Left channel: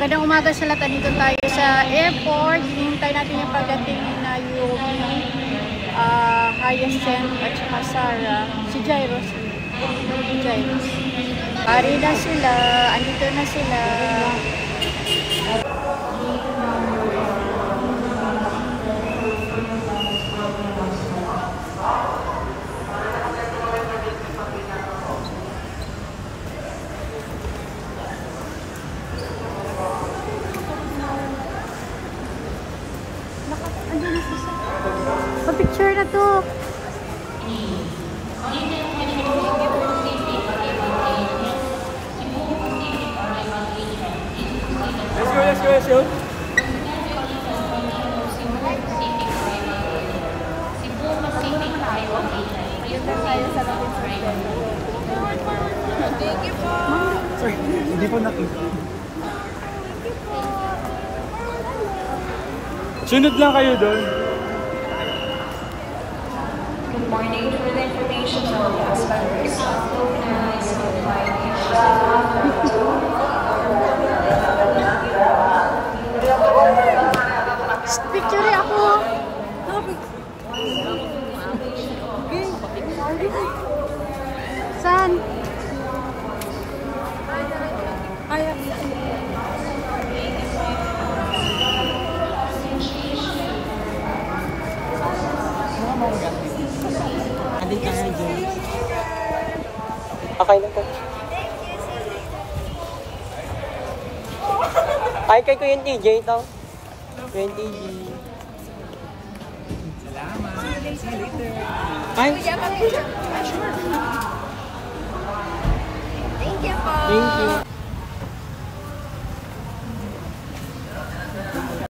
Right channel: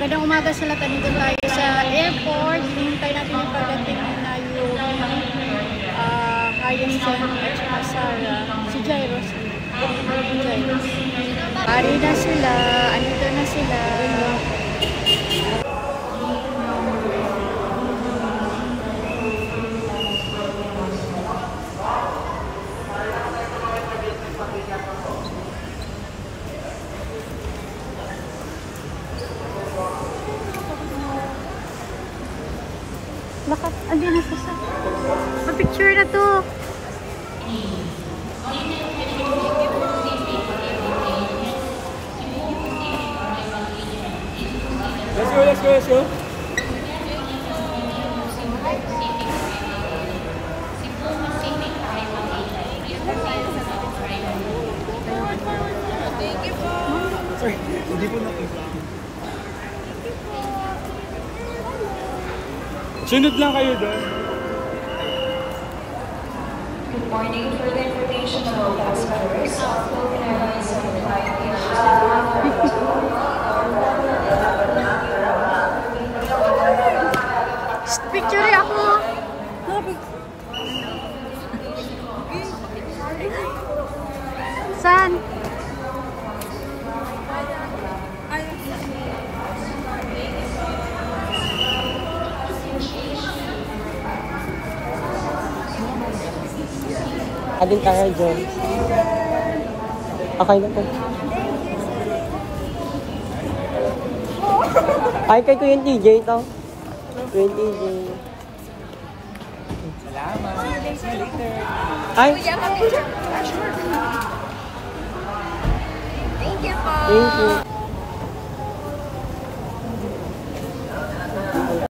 Magandang umaga sa lahat. Dito tayo sa airport. Hinintay natin yung pagdating na yung Hyacinth at saka Sarah. Si Jairus. Pari na sila. Andito na sila. Andiyan na sa pa-picture na to. Let's go. Sorry, hindi po nakita. Sunod lang kayo doon. Good morning. For the information of all passengers, Philippine Airlines notified Picture ako. Saan? Ading kaya dyan. Okay na po. Ay, kay Kuya TJ to. Kuya TJ. Salamat. Ay! Thank you po. Thank you.